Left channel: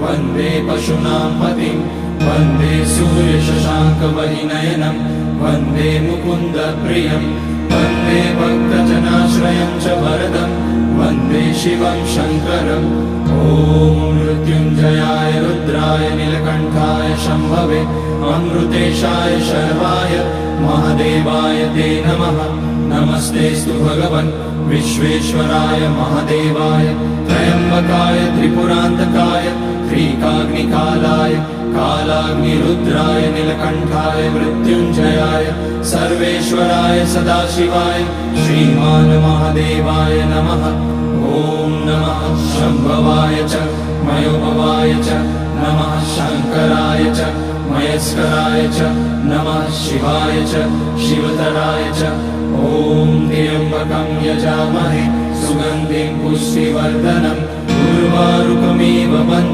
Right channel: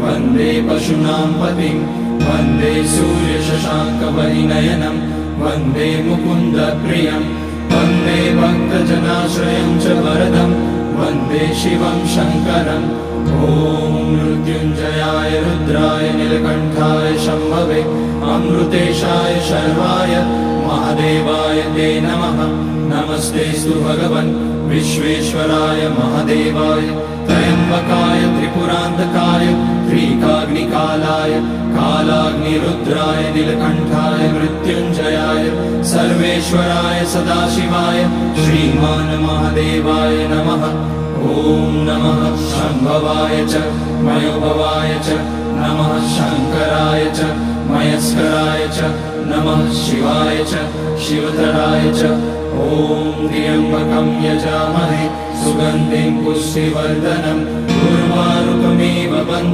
वन्दे पशूनां पतिं वन्दे सूर्यशशाङ्कवहिनयनं वन्दे मुकुन्दप्रियं वन्दे भक्तजनाश्रयं च वरदं वन्दे शिवं शङ्करम् ॐ मृत्युञ्जयाय रुद्राय नीलकण्ठाय शम्भवे अमृतेशाय शर्वाय महादेवाय ते नमः। नमस्तेऽस्तु भगवन् विश्वेश्वराय महादेवाय त्र्यम्बकाय त्रिपुरान्तकाय त्रिकाग्निकालाय कालाग्निरुद्राय नीलकण्ठाय मृत्युञ्जयाय सर्वेश्वराय सदाशिवाय श्रीमान् महादेवाय नमः। ॐ नमः शम्भवाय च मयोभवाय च नमः शङ्कराय च मयस्कराय च नमः शिवाय च शिवतराय च ॐ त्र्यम्बकं यजामहे सुगन्धिं पुष्टिवर्धनम् उर्वारुकमिव